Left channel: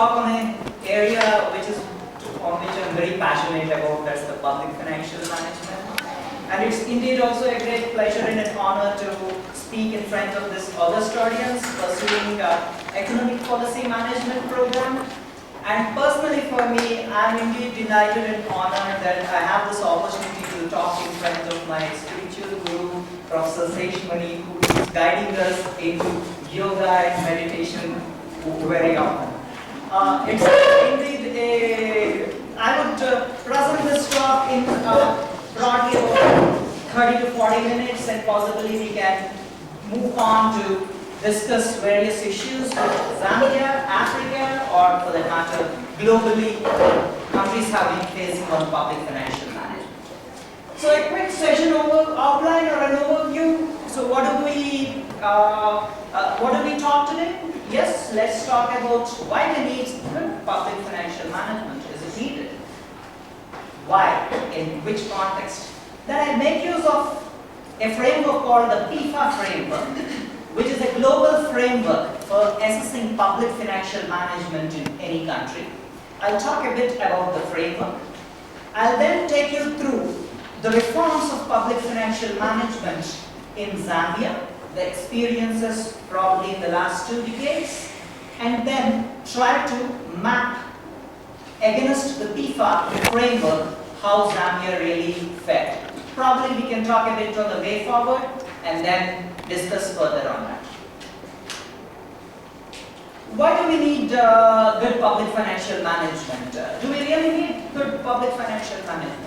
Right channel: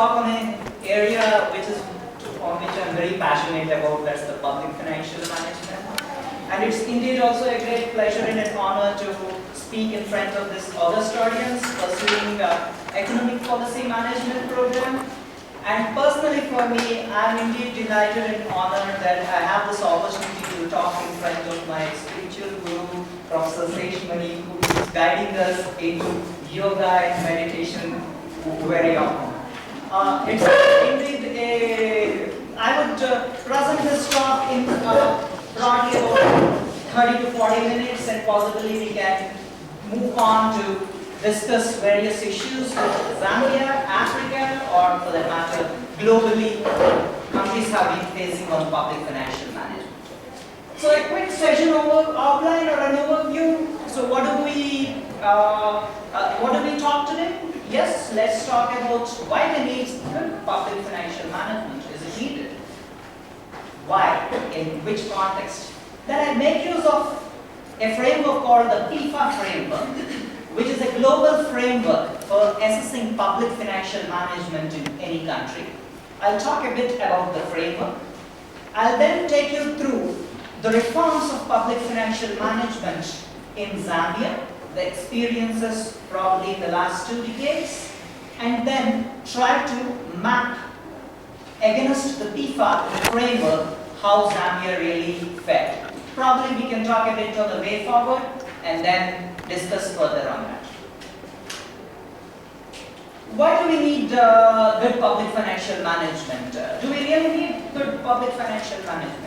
talk on an area on which I'm very passionate about, that's the public financial management. And it's indeed also a great pleasure and an honor to speak in front of this august audience pursuing economic policy management program. And personally for me, I'm indeed delighted and honored that I have this opportunity to talk in front of my spiritual guru, Professor Seshmani, who is guiding us into yoga and meditation very often. It's indeed I would present this talk in broadly about 30 to 40 minutes, and possibly we can move on to discuss various issues with Zambia, Africa, or for that matter, globally, countries have been facing on public financial management. So a quick session outline or an overview. So what do we talk today? Yes, let's talk about why the need good public financial management. Is it needed? Why? In which context? Then I make use of a framework called the PIFA framework, which is a global framework for assessing public financial management in any country. I'll talk a bit about the framework. I'll then take you through the reforms of public financial management in Zambia, the experiences probably in the last 2 decades, and then try to map against the PIFA framework how Zambia really fared. Probably we can talk a bit on the way forward and then discuss further on that. Why do we need good public financial management? Do we really need good public financial management?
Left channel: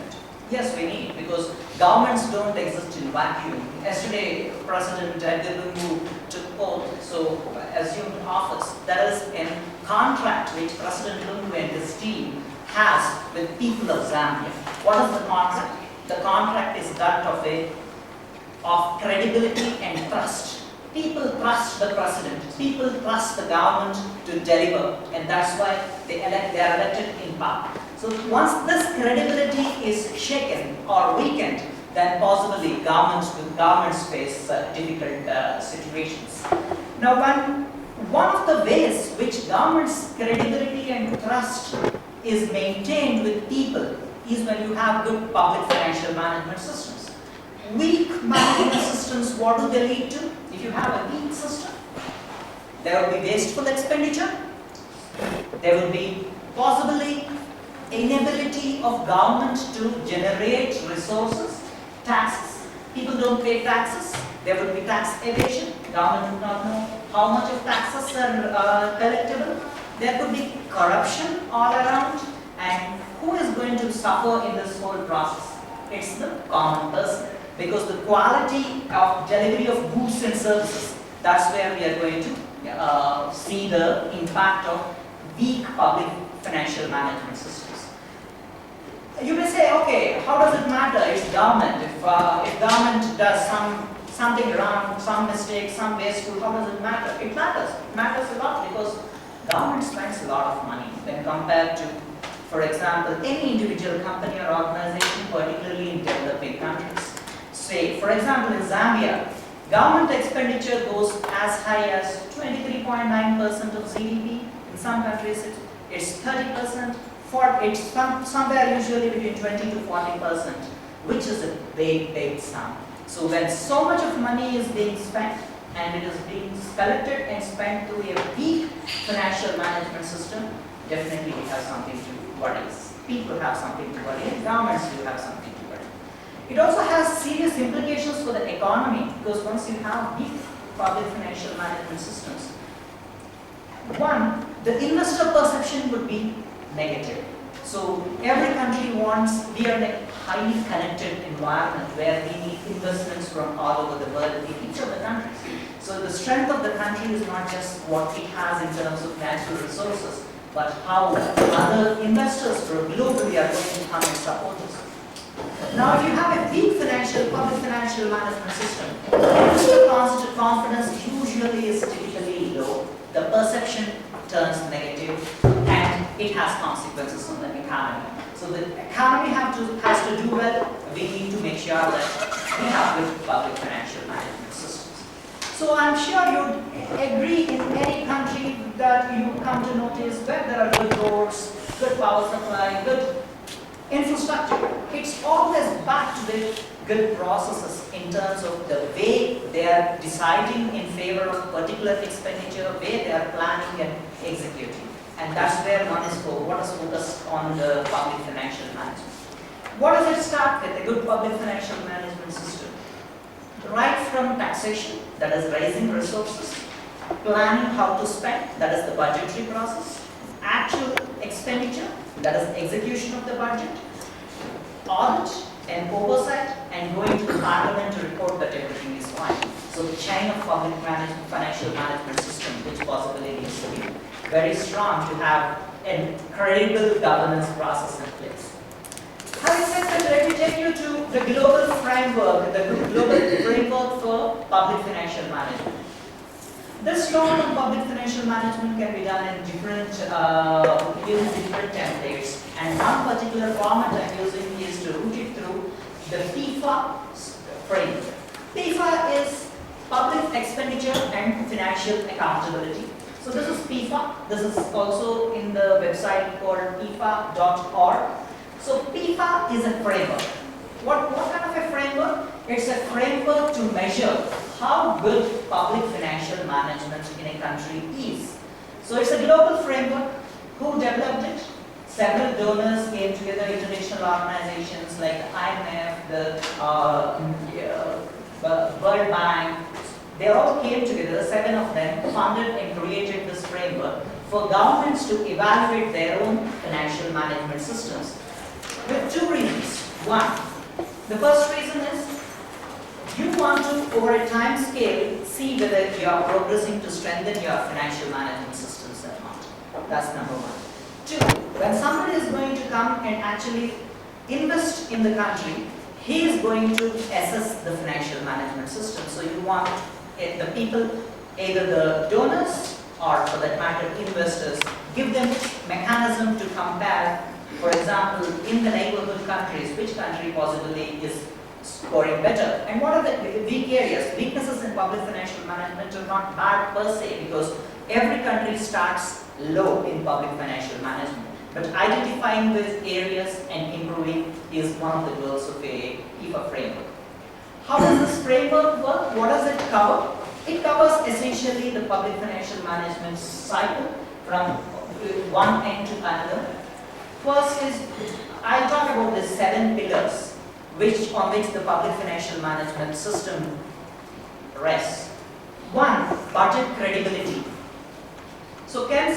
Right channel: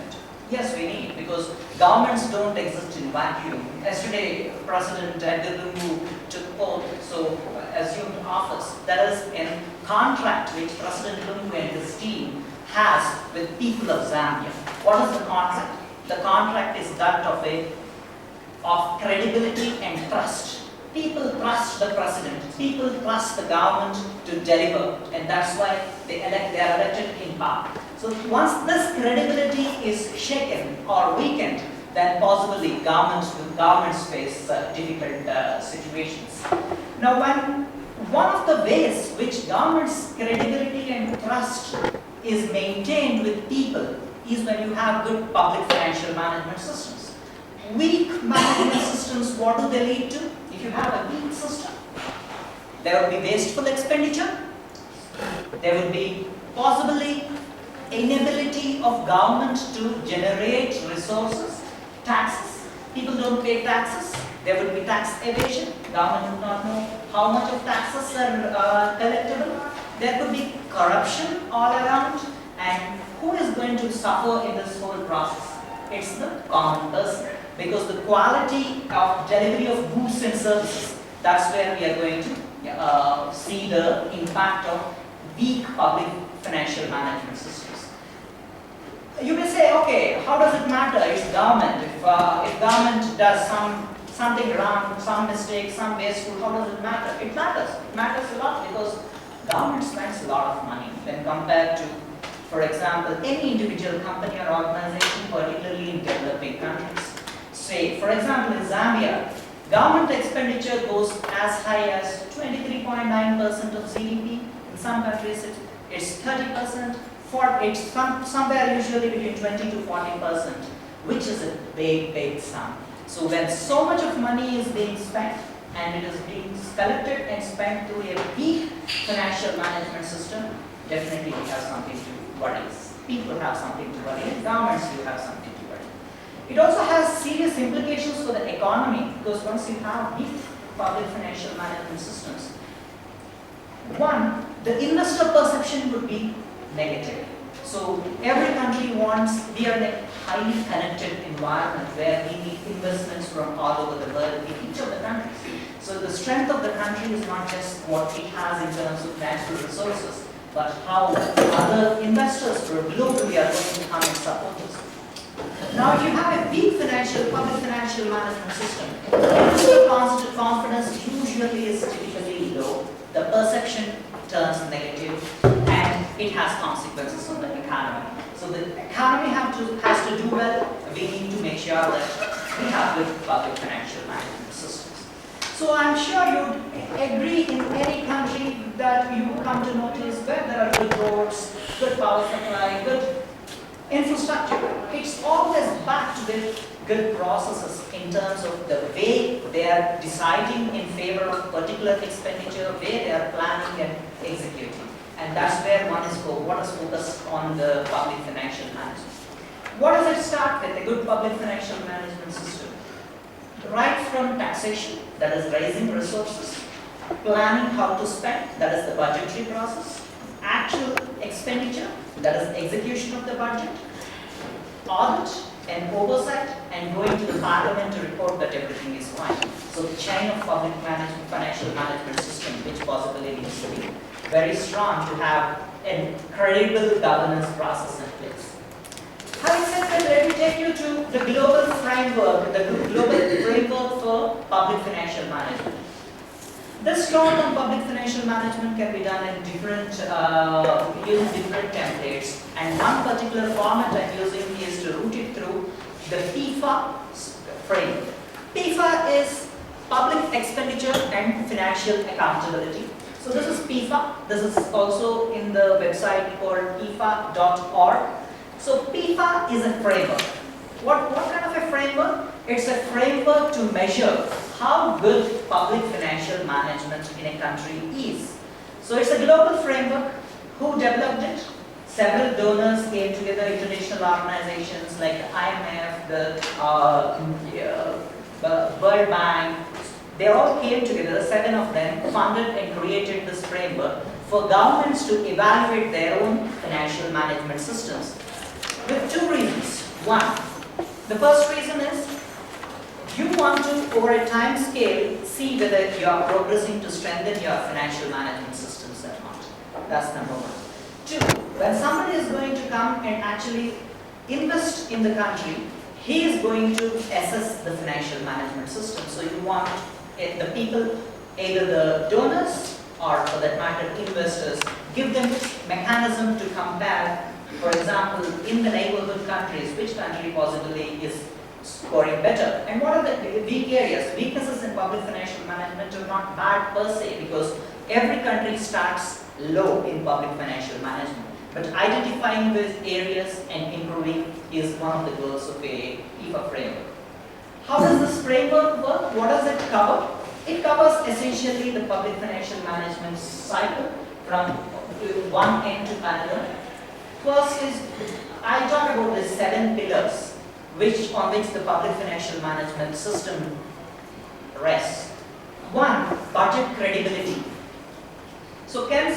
Yes, we need, because governments don't exist in vacuum. Yesterday, President Edgar Lungu took oath, so assumed office. That is a contract which President Lungu and his team has with people of Zambia. What is the contract? The contract is that of credibility and trust. People trust the president, people trust the government to deliver, and that's why they are elected in power. So once this credibility is shaken or weakened, then possibly governments face difficult situations. Now, one of the ways which government's credibility and trust is maintained with people is when you have good public financial management systems. Weak management systems, what do they lead to? If you have a weak system, there will be wasteful expenditure, there will be possibly inability of government to generate resources, taxes. People don't pay taxes, there will be tax evasion, government would not know how much of taxes are collectible. There could be corruption all around, and who is going to suffer in this whole process? It's the common person, because the quality of delivery of goods and services, that's where we are going to see the impact of weak public financial management systems. You may say, okay, how does it matter? It's government. If government does something wrong, some mistake, some wasteful, how does it matter? It matters. It matters a lot, because government spends a lot of money when compared to, for example, any individual company or organization, particularly in developing countries. Say, for example, in Zambia, government expenditure goes as high as 23.9% of GDP. In some countries, it's 30%. It's somewhere usually between 20 to 40%, which is a big sum. So when so much of money is being spent, and it is being collected and spent through a weak financial management system, definitely we have something to worry. People have something to worry, and governments do have something to worry. It also has serious implications for the economy, because once you have weak public financial management systems, one, the investor perception would be negative. So every country wants, we are in a highly connected environment where we need investments from all over the world in each of the countries. So the strength of the country is not just what it has in terms of natural resources, but how other investors globally are going to come and support us. Now, if you have a weak public financial management system, investor confidence usually is typically low. The perception turns negative, and it has consequences on the economy. So the economy has to do well. We need to make sure that we have good public financial management systems. So So I'm sure you'd agree in any country that you come to notice where there are good roads, good power supply, good infrastructure. It's always backed with good processes in terms of the way they are deciding in favor of particular expenditure, way they are planning and executing. And that's where one is focused on the public financial management. What does it start with? A good public financial management system. Right from taxation, that is raising resources, planning how to spend, that is the budgetary process, actual expenditure, that is execution of the budget, audit and oversight, and going to the parliament to report that everything is fine. So the chain of public financial management system, which possibly needs to be very strong to have a credible governance process in place. Having said that, let me take you to the global framework for public financial management. This talk on public financial management can be done in different, using different templates, and one particular format I'm using is to route it through the PIFA framework. PIFA is Public Expenditure and Financial Accountability. So this is PIFA. This is also in the website called PIFA.org. So PIFA is a framework. What kind of a framework? It's a framework to measure how good public financial management in a country is. So it's a global framework. Who developed it? Several donors came together, international organizations like the IMF, the World Bank. They all came together, 7 of them, funded and created this framework for governments to evaluate their own financial management systems. With 2 reasons. One, the first reason is you want to, over a time scale, see whether you are progressing to strengthen your financial management systems or not. That's number 1. 2, when somebody is going to come and actually invest in the country, he is going to assess the financial management system. So you want the people, either the donors or for that matter investors, give them mechanism to compare. For example, in the neighborhood countries, which country possibly is scoring better? And what are the weak areas? Weaknesses in public financial management are not bad per se, because every country starts low in public financial management. But identifying these areas and improving is one of the goals of a PIFA framework. How does this framework work? What does it cover? It covers essentially the public financial management cycle from one end to another. First is, I talk about the 7 pillars on which the public financial management system rests. 1, budget credibility. So can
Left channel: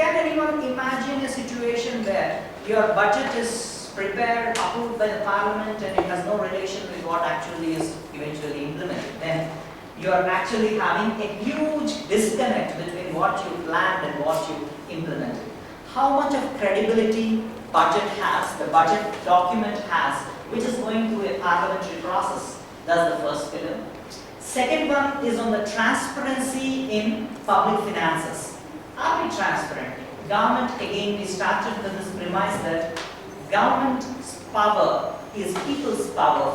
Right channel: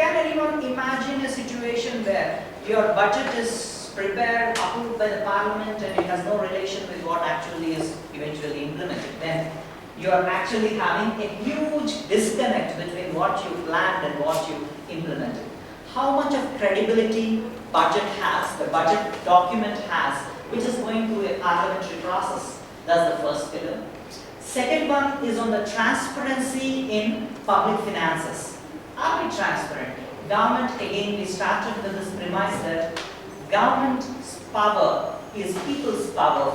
anyone imagine a situation where your budget is prepared, approved by the parliament, and it has no relation with what actually is eventually implemented? Then you are actually having a huge disconnect between what you planned and what you implemented. How much of credibility budget has, the budget document has, which is going through a parliamentary process. That's the first pillar. Second one is on the transparency in public finances. Are we transparent? Government, again, we started with this premise that government's power is people's power,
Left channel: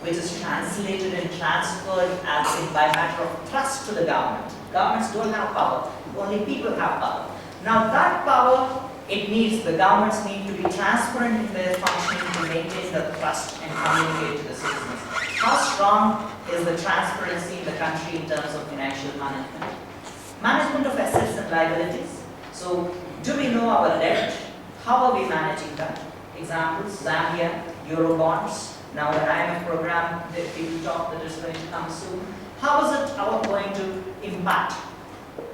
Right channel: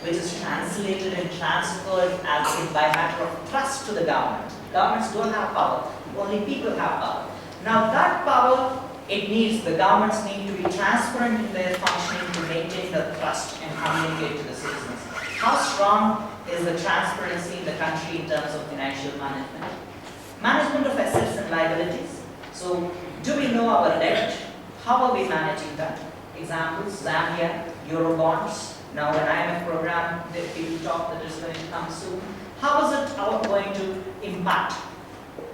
which is translated and transferred as in by matter of trust to the government. Governments don't have power, only people have power. Now that power, the governments need to be transparent in their functioning to maintain the trust and communicate to the citizens. How strong is the transparency in the country in terms of financial management? Management of assets and liabilities. So, do we know our debt? How are we managing that? Examples, Zambia, Eurobonds. Now an IMF program, people talk that is going to come soon. How is it going to impact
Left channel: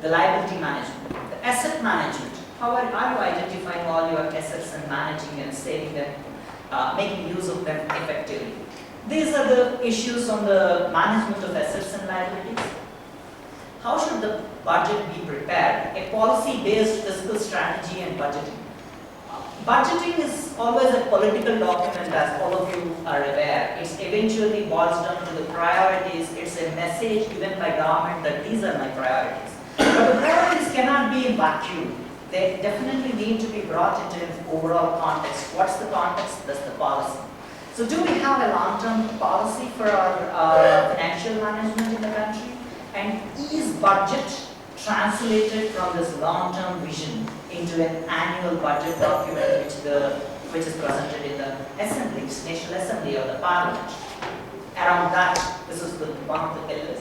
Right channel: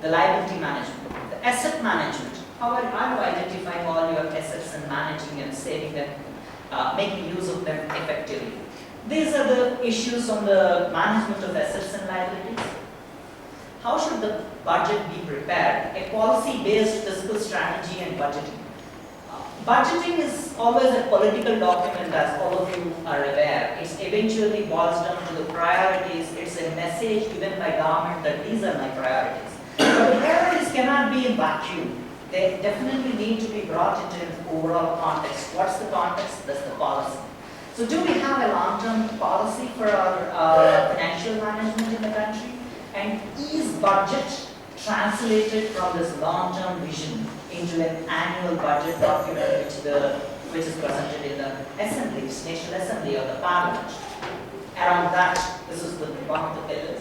the liability management, the asset management? How are you identifying all your assets and managing and saving them, making use of them effectively? These are the issues on the management of assets and liabilities. How should the budget be prepared? A policy-based fiscal strategy and budgeting. Budgeting is always a political document, as all of you are aware. It eventually boils down to the priorities. It's a message given by government that these are my priorities. But the priorities cannot be in vacuum. They definitely need to be brought into an overall context. What's the context? That's the policy. So do we have a long-term policy for our financial management in the country? And is budget translated from this long-term vision into an annual budget document which is presented in the assemblies, National Assembly or the Parliament? Around that, this is one of the pillars.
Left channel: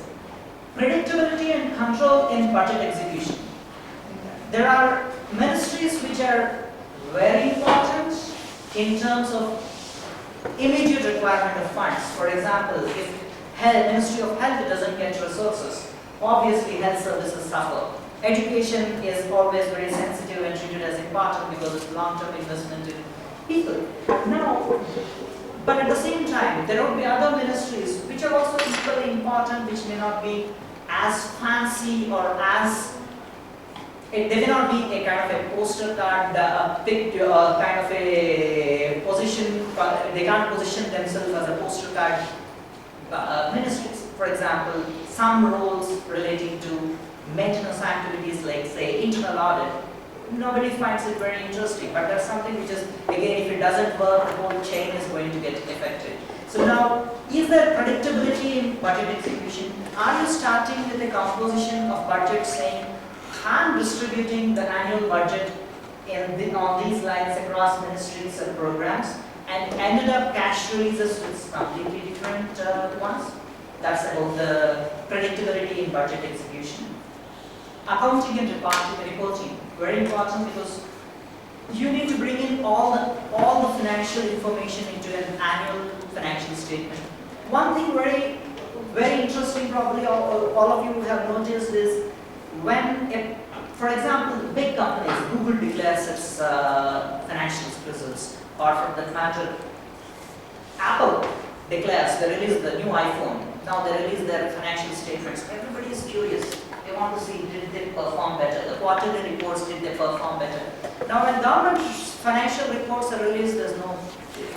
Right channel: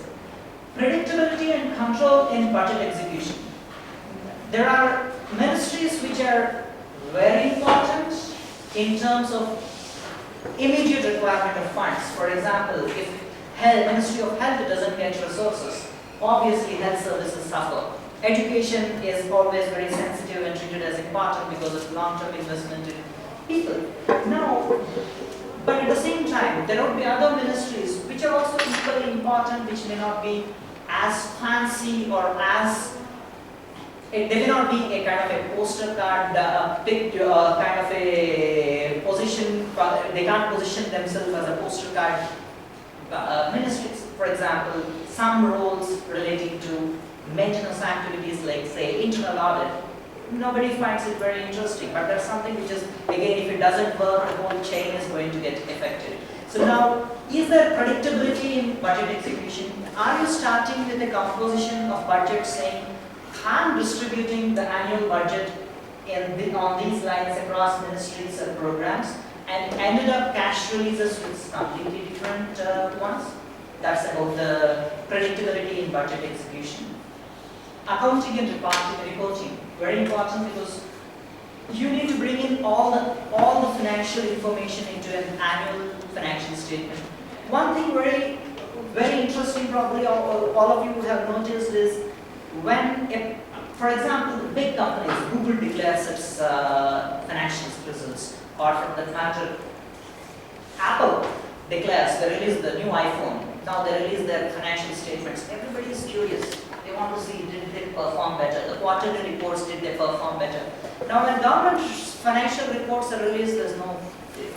Predictability and control in budget execution. There are ministries which are very important in terms of immediate requirement of funds. For example, if Ministry of Health doesn't get resources, obviously health services suffer. Education is always very sensitive and treated as important because it's long-term investment in people. Now, but at the same time, there will be other ministries which are also equally important, which may not be as fancy or as they may not be a kind of a poster card picked kind of a position. They can't position themselves as a poster card ministries. For example, some roles relating to maintenance activities like say internal audit. Nobody finds it very interesting, but there's something which is, again, if it doesn't work, the whole chain is going to get affected. So now, is there predictability in budget execution? Are you starting with a composition of budget saying, I'm distributing the annual budget on these lines across ministries and programs, and ended up cash releases with completely different ones? That's about the predictability in budget execution. Accounting and reporting, very important because you need to bring in all the financial information into an annual financial statement. One thing very interesting, probably all of you have noticed, is when, for example, big companies, Google declares its financial results, or for that matter, Apple declares they release the new iPhone. Now they release their financial statements. Everybody is curious. They want to see, did they perform better? The quarterly reports, did they perform better? Now when government financial reports are released,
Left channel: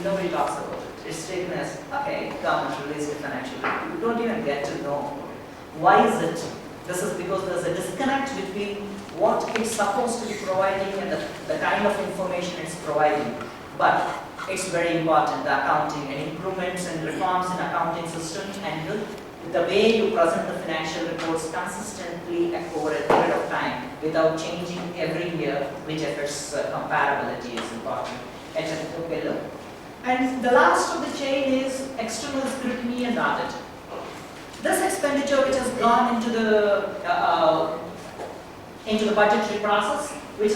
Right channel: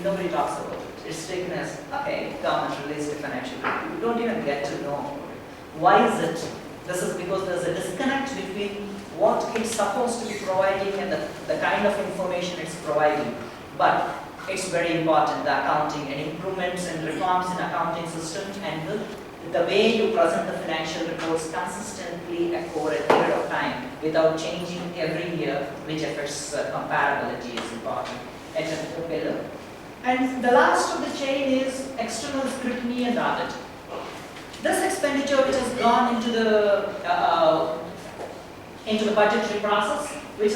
nobody talks about it. It's taken as, okay, government released the financial report. You don't even get to know. Why is it? This is because there's a disconnect between what it's supposed to be providing and the kind of information it's providing. But it's very important, the accounting and improvements and reforms in accounting system and the way you present the financial reports consistently over a period of time without changing every year, which affects comparability is important. And the last of the chain is external scrutiny and audit. This expenditure which has gone into the budgetary process, which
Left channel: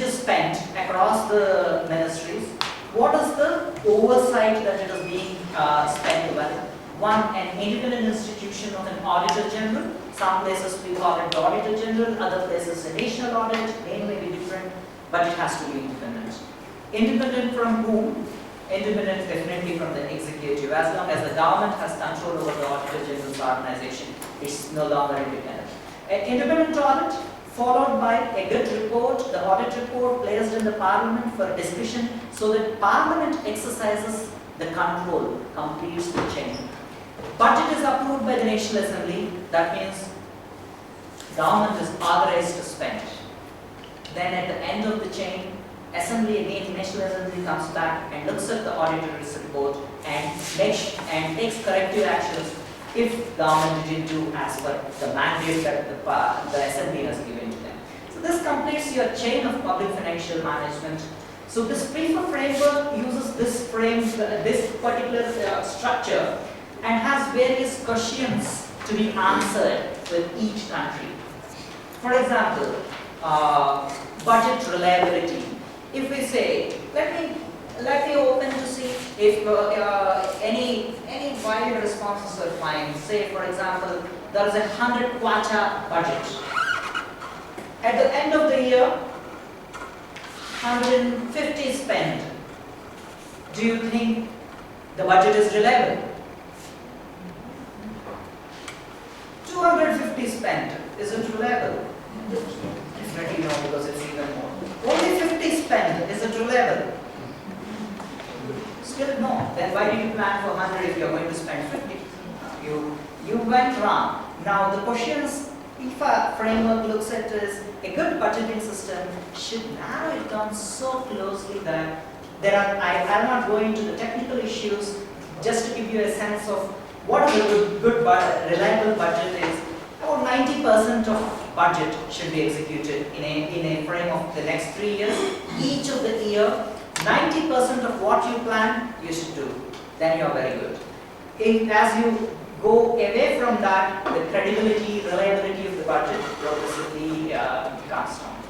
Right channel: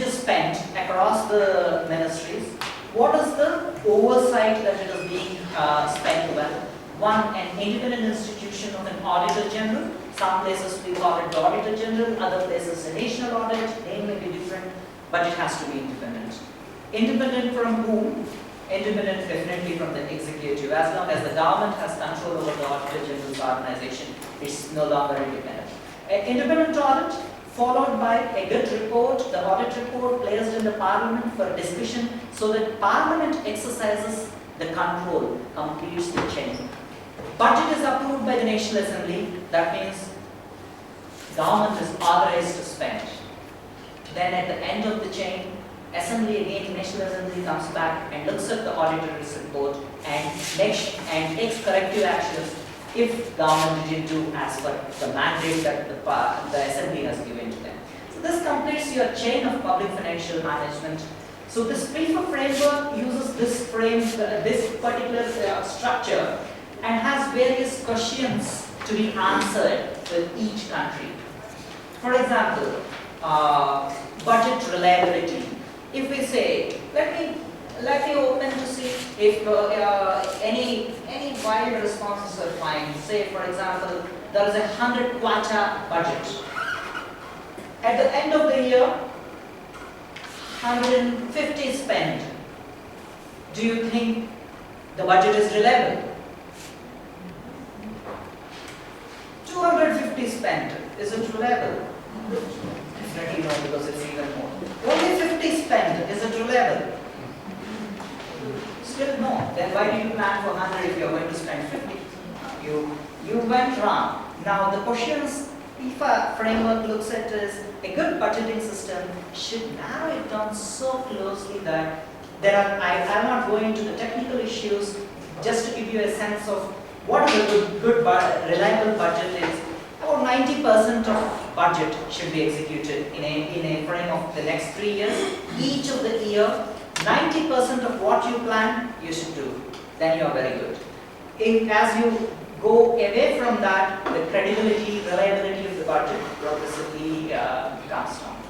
is spent across the ministries, what is the oversight that it is being spent with? One, an independent institution of an auditor general. Some places we call it the auditor general, other places a national audit. Name may be different, but it has to be independent. Independent from whom? Independent definitely from the executive. As long as the government has control over the auditor general's organization, it's no longer independent. An independent audit followed by a good report, the audit report placed in the Parliament for discussion so that Parliament exercises the control, completes the chain. Budget is approved by the National Assembly, that means government is authorized to spend. Then at the end of the chain, Assembly again, National Assembly comes back and looks at the auditor's report and takes corrective actions if government didn't do as per the mandate that the Assembly has given to them. So this completes your chain of public financial management. So this PIFA framework uses this particular structure and has various questions to be answered with each country. For example, budget reliability. If we say, let me open to see if any wild responses are fine. Say, for example, there is a 100 kwacha budget. At the end of the year, 150 spent. Do you think the budget is reliable? 250 spent. Is it reliable? Definitely no, because it's even more. Only 50 spent. Is it reliable? Still no. Then why did you plan for 100 if you are going to spend 50? You went wrong. Now the questions PIFA framework looks at is a good budgeting system should narrow it down so closely that I'll not go into the technical issues, just to give you a sense of what a good reliable budget is. About 90% of budget should be executed in a frame of the next 3 years. Each of the year, 90% of what you plan, you should do. Then you are very good. As you go away from that, the credibility, reliability of the budget progressively comes down.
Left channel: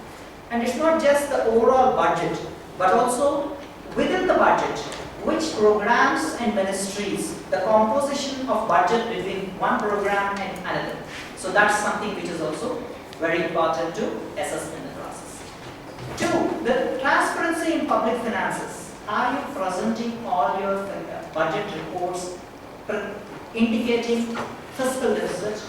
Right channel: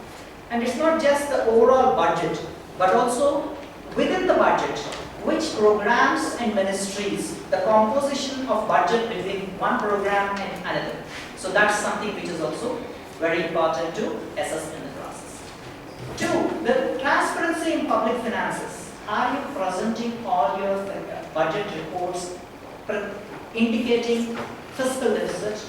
And it's not just the overall budget, but also within the budget, which programs and ministries, the composition of budget between one program and another. So that's something which is also very important to assess in the process. 2, the transparency in public finances. Are you presenting all your budget reports indicating fiscal deficit,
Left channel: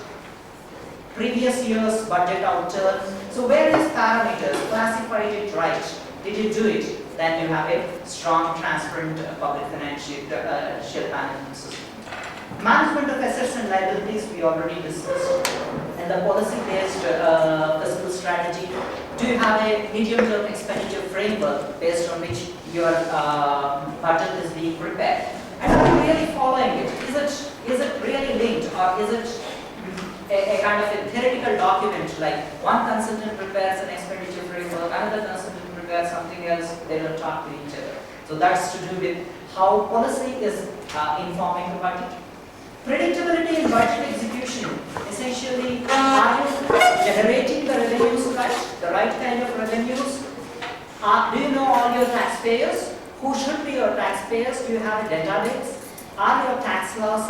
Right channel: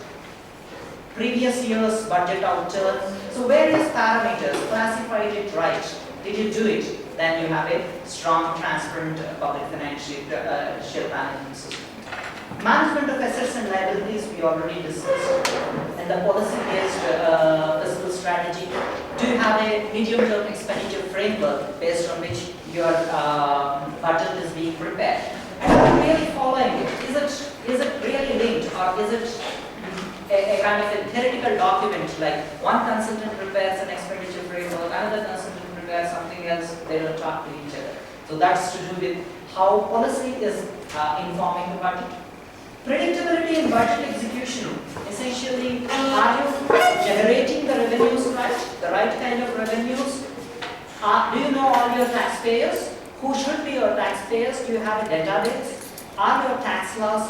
previous year's budget outturn? So various parameters, classified it right. Did you do it? Then you have a strong, transparent public financial management system. Management of assets and liabilities we already discussed. And the policy-based fiscal strategy. Do you have a medium-term expenditure framework based on which your budget is being prepared? And are you really following it? Is it really linked, or is it a kind of a theoretical document, like one consultant prepares an expenditure framework, another consultant prepares something else, they don't talk to each other. So that's to do with how policy is informing the budget. Predictability in budget execution. Essentially, are you generating the revenues right, the right kind of revenues? Do you know all your taxpayers? Who should be your taxpayers? Do you have a database? Are your tax laws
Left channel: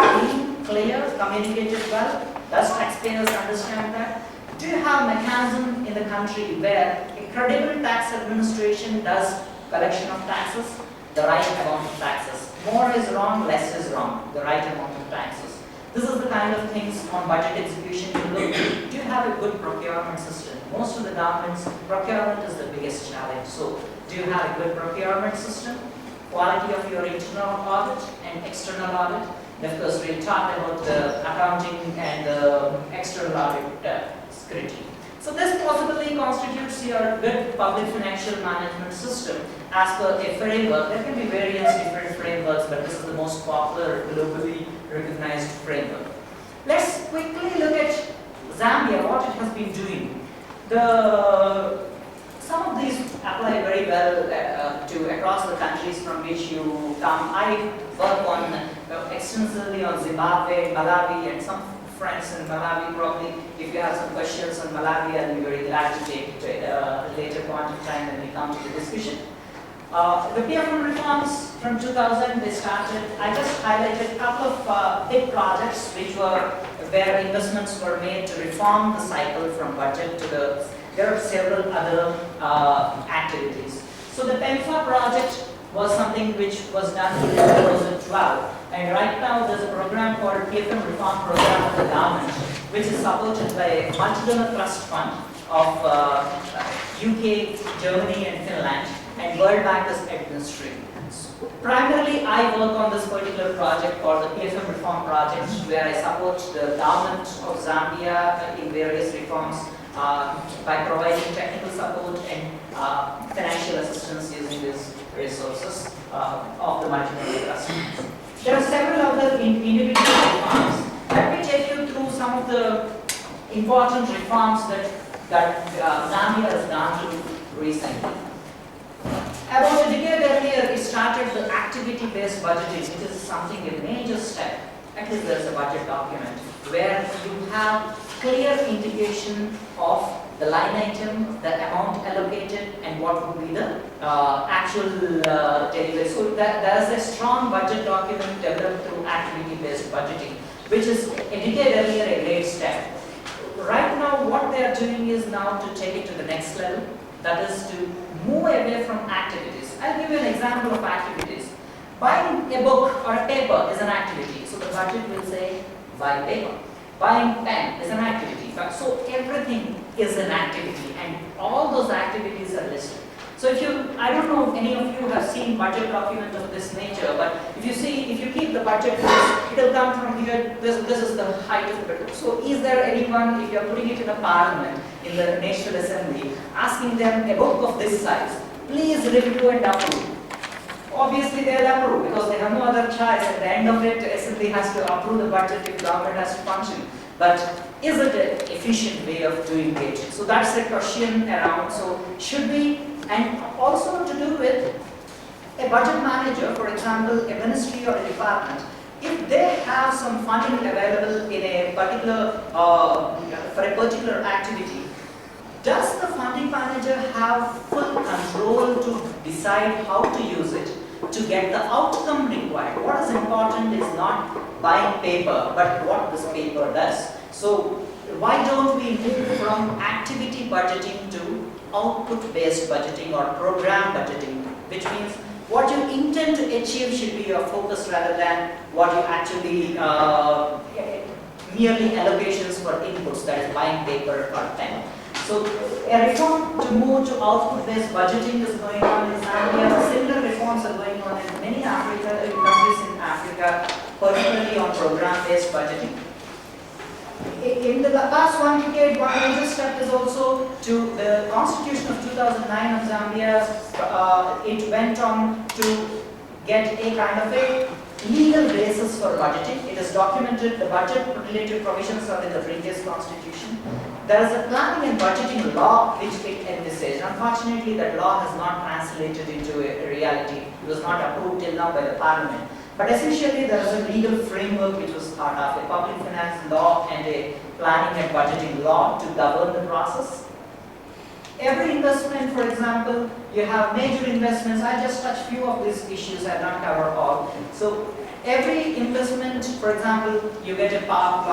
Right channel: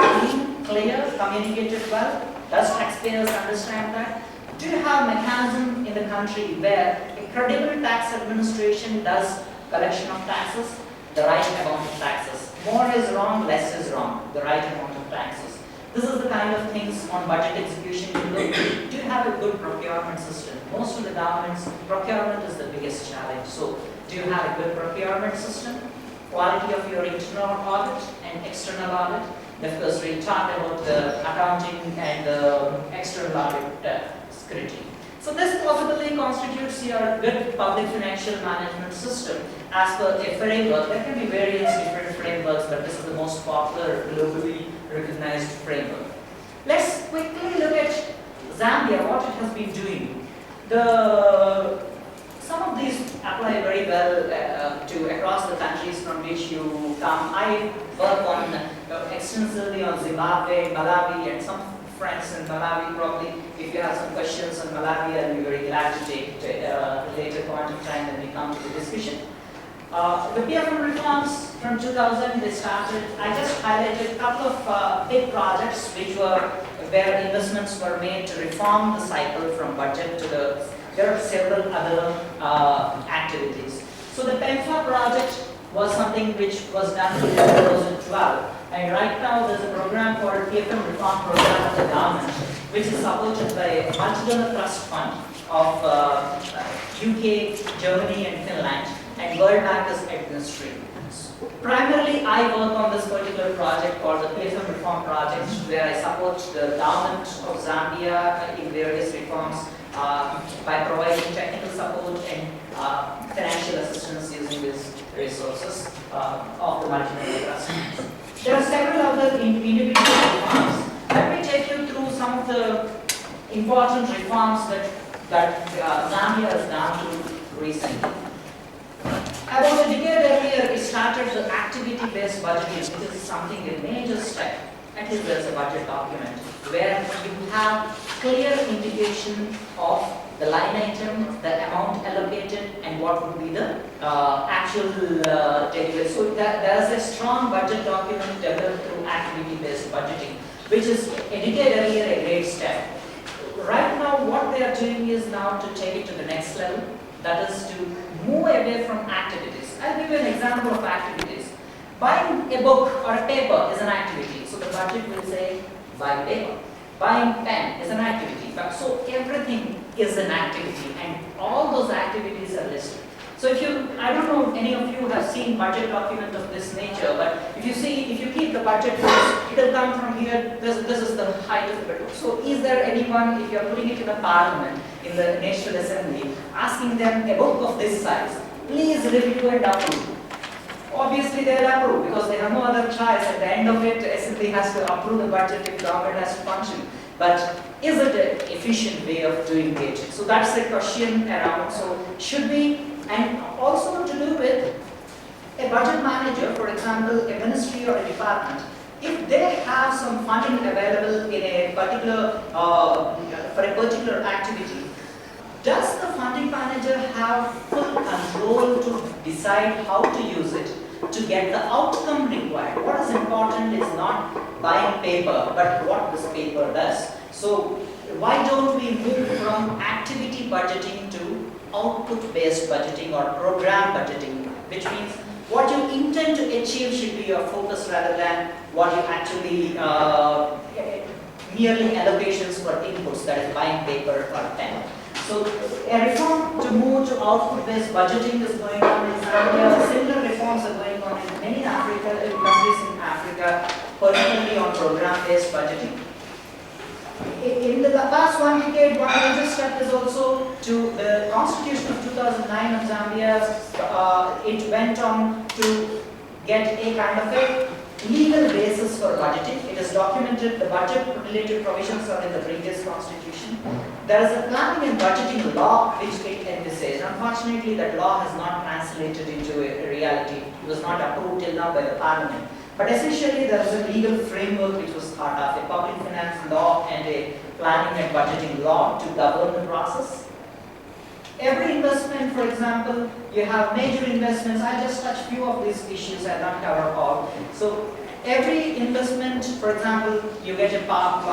clear, communicated well? Does taxpayers understand that? Do you have a mechanism in the country where a credible tax administration does collection of taxes, the right amount of taxes? More is wrong, less is wrong, the right amount of taxes. This is the kind of things on budget execution you look. Do you have a good procurement system? Most of the governments, procurement is the biggest challenge. So, do you have a good procurement system? Quality of your internal audit and external audit. And of course, we talked about the accounting and the external audit scrutiny. So this possibly constitutes your good public financial management system as per a framework. There can be various different frameworks, but this is the most popular, globally recognized framework. Let's quickly look at Zambia, what it has been doing. Some of these apply very well to across the countries from which you come. I work on extensively on Zimbabwe, Malawi, and some friends in Malawi. Probably, if you have some questions on Malawi, I'll be very glad to take it at a later point of time when we come to the discussion. The PFM reforms from 2000, they started. I just highlighted a couple of big projects where investments were made to reform the cycle from budget to the. There are several other activities. So the PEMFA project was something which was done in 2012. And right now there's a program called PFM Reform Program of the government, which is supported by a multi-donor trust fund of UK, Germany and Finland, and World Bank is administering. Primarily, I work on this particular project called the PFM Reform Project, where I support the government of Zambia in various reforms by providing technical support and financial assistance using these resources of the multi-donor trust. There are several other individual reforms. Let me take you through some of the important reforms that Zambia has done recently. About a decade earlier, we started the activity-based budgeting, which is something, a major step. At least there's a budget document where you have clear indication of the line item, the amount allocated, and what would be the actual delivery. So there's a strong budget document developed through activity-based budgeting, which is a decade earlier a great step. Right now, what they are doing is now to take it to the next level. That is to move away from activities. I'll give you an example of activities. Buying a book or a paper is an activity. So the budget will say, buy paper. Buying pen is an activity. So everything is an activity, and all those activities are listed. So I don't know if any of you have seen budget document of this nature, but if you keep the budget, it will come from here. This is the height of the budget. So is there anyone, if you are putting it in a parliament, in the National Assembly, asking them a book of this size, please review and approve? Obviously they'll approve because they have no other choice. At the end of it, assembly has to approve the budget if government has to function. But is it an efficient way of doing it? So that's a question around. So should we, and also to do with a budget manager, for example, a ministry or a department, if they have some funding available in a particular, for a particular activity, does the funding manager have full control to decide how to use it to get the outcome required? What is important is not buying paper, but what this paper does. So why don't we move from activity budgeting to output-based budgeting or program budgeting, which means what you intend to achieve should be your focus rather than what you actually merely allocations for inputs, that is buying paper or pen. So a reform to move to output-based budgeting is going on in Zambia. Similar reforms are going on in many countries in Africa, particularly on program-based budgeting. In the past 1 decade, one major step is also to the Constitution of 2009 of Zambia. It went on to get a kind of a legal basis for budgeting. It is documented, the budget-related provisions are in the previous constitution. There is a planning and budgeting law which it envisaged. Unfortunately, that law has not translated into a reality. It was not approved till now by the parliament. But essentially, there is a legal framework which was part of a public finance law and a planning and budgeting law to govern the process. Every investment, for example, you have major investments. I just touched few of these issues, I don't cover all. So every investment, for example, you get a power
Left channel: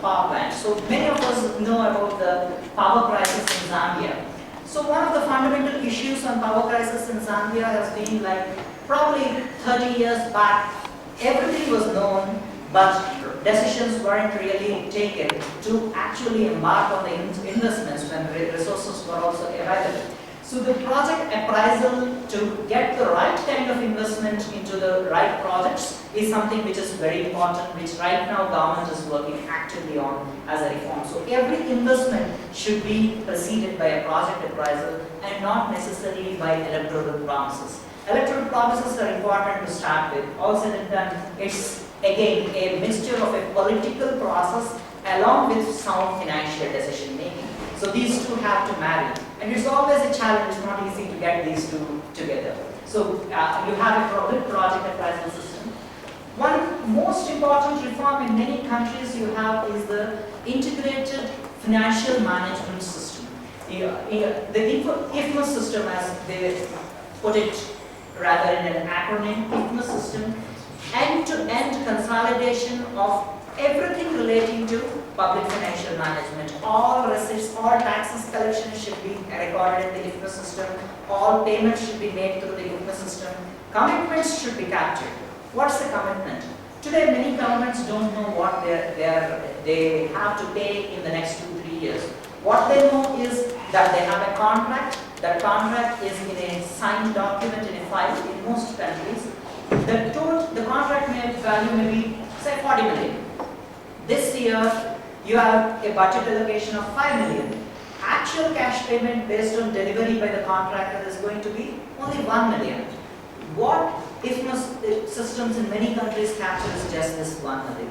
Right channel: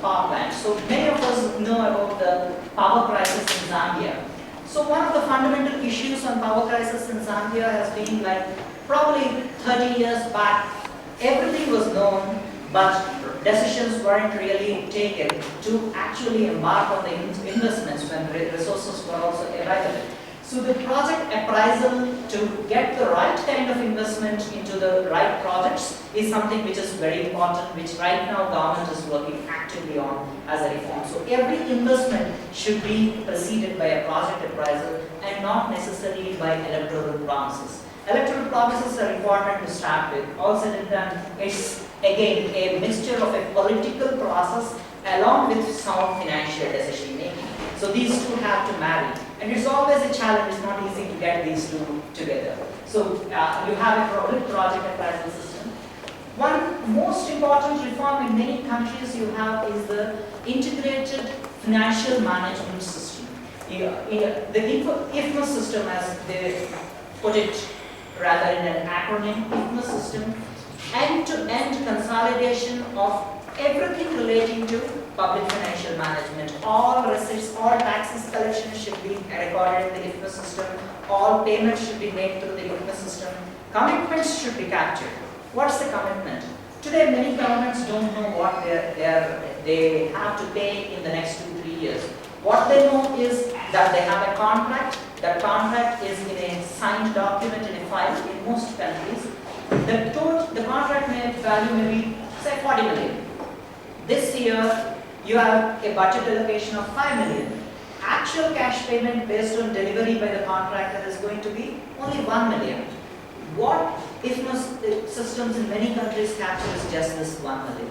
plant. So many of us know about the power crisis in Zambia. So one of the fundamental issues on power crisis in Zambia has been like probably 30 years back, everything was known, but decisions weren't really taken to actually embark on the investments when resources were also available. So the project appraisal to get the right kind of investment into the right projects is something which is very important, which right now government is working actively on as a reform. So every investment should be preceded by a project appraisal and not necessarily by electoral promises. Electoral promises are important to start with. All said and done, it's again a mixture of a political process along with sound financial decision making. So these two have to marry. And it's always a challenge, it's not easy to get these two together. So you have a project appraisal system. One most important reform in many countries you have is the integrated financial management system. The IFMAS system, as they put it rather in an acronym, IFMAS system, end-to-end consolidation of everything relating to public financial management. All receipts, all taxes collection should be recorded in the IFMAS system. All payments should be made through the IFMAS system. Commitments should be captured. What's the commitment? Today, many governments don't know what they have to pay in the next 2-3 years. What they know is that they have a contract. That contract is in a signed document in a file in most countries. The contract value may be, say, 40 million. This year, you have a budget allocation of 5 million. Actual cash payment based on delivery by the contractor is going to be only 1 million. What IFMAS systems in many countries capture is just this 1 million.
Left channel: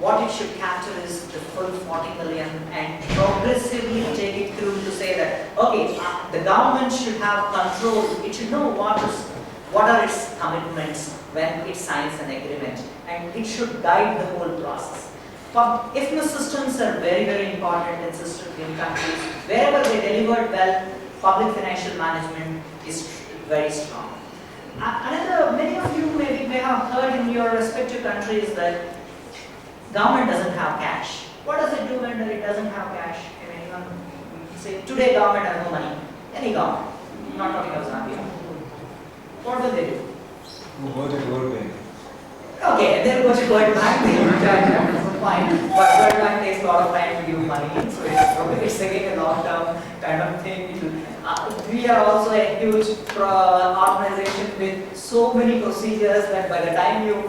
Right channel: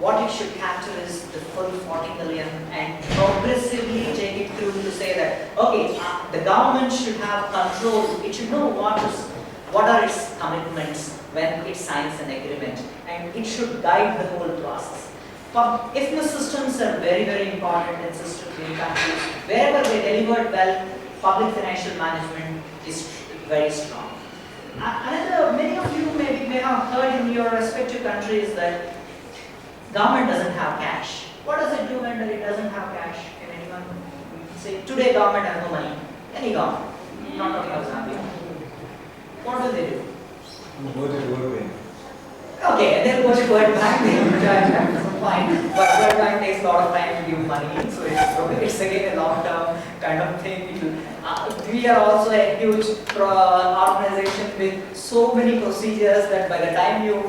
What it should capture is the full 40 million and progressively take it through to say that, okay, the government should have control. It should know what are its commitments when it signs an agreement, and it should guide the whole process. IFMAS systems are very, very important in countries. Wherever they delivered well, public financial management is very strong. Many of you may have heard in your respective countries that government doesn't have cash. What does it do when it doesn't have cash? Can anyone say, today government has no money? Any government, not talking about Zambia. What do they do? Go to World Bank. Okay, they'll go to World Bank, they will charge them, so fine. But World Bank takes a lot of time to give money, so it's again a long-term kind of thing. We are also a huge organization with so many procedures that by the time you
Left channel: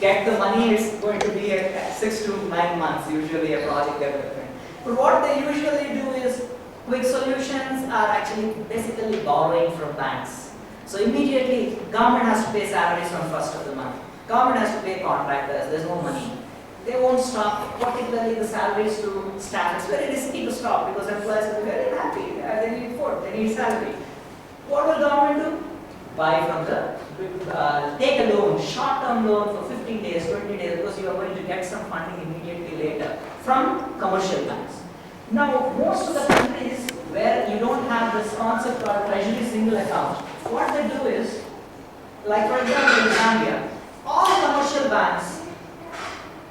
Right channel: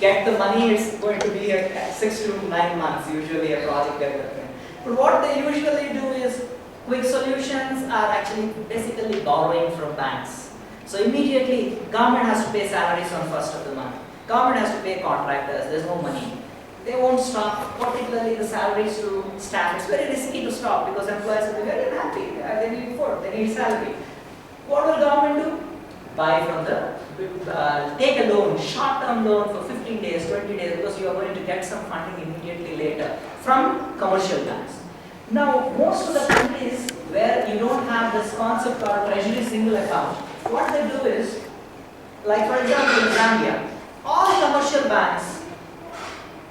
get the money, it's going to be 6 to 9 months, usually a project development. But what they usually do is, quick solutions are actually basically borrowing from banks. So immediately, government has to pay salaries on first of the month. Government has to pay contractors. There's no money. They won't stop, particularly the salaries to staff. It's very risky to stop because employees will be very unhappy. They need food, they need salary. What will government do? Buy from take a loan, short-term loan for 15 days, 20 days, because you are going to get some funding immediately later from commercial banks. Now, most of the countries where you don't have this concept called treasury single account, what they do is, like for example in Zambia, all commercial banks,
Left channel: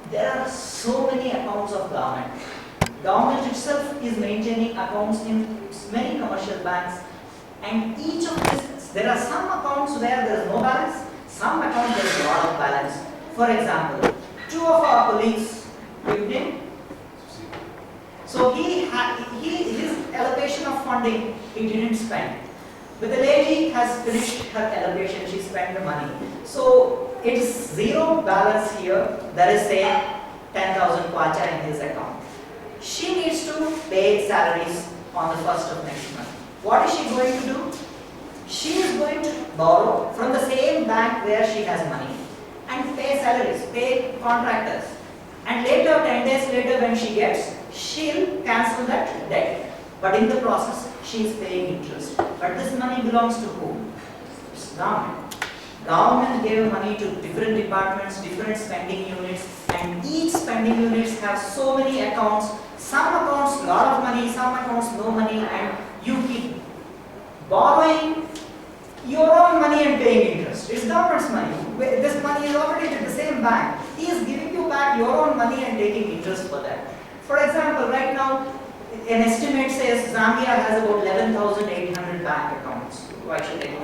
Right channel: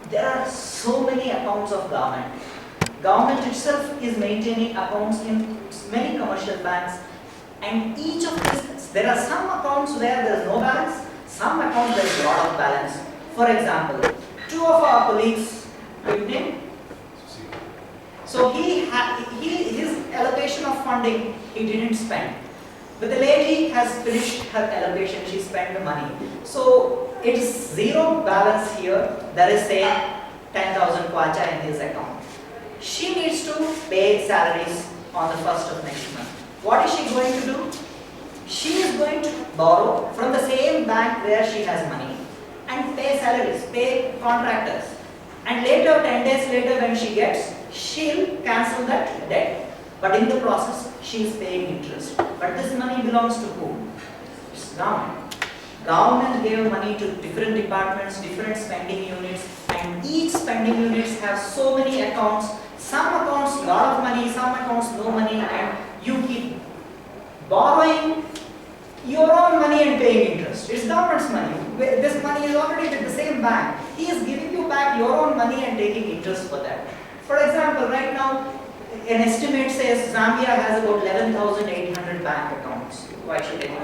there are so many accounts of government. Government itself is maintaining accounts in many commercial banks, and each of these, there are some accounts where there is no balance, some accounts there is a lot of balance. For example, two of our colleagues, good evening. So his allocation of funding, he didn't spend. But the lady has finished her allocation, she spent the money. So it is zero balance here, there is say 10,000 kwacha in his account. She needs to pay salaries on the first of next month. What is she going to do? She is going to borrow from the same bank where she has money and pay salaries, pay contractors. And later, 10 days later when she gets, she'll cancel that debt. But in the process, she is paying interest. But this money belongs to whom? It's government. Government gave money to different departments, different spending units, and each spending units have so many accounts. Some accounts, lot of money, some accounts, no money, and you keep borrowing your own money and paying interest. It's government's money. This money is already with the same bank. He is giving you back your own money and taking interest for that. For example, right now, an estimate says Zambia has about 11,800 bank accounts. Why should anyone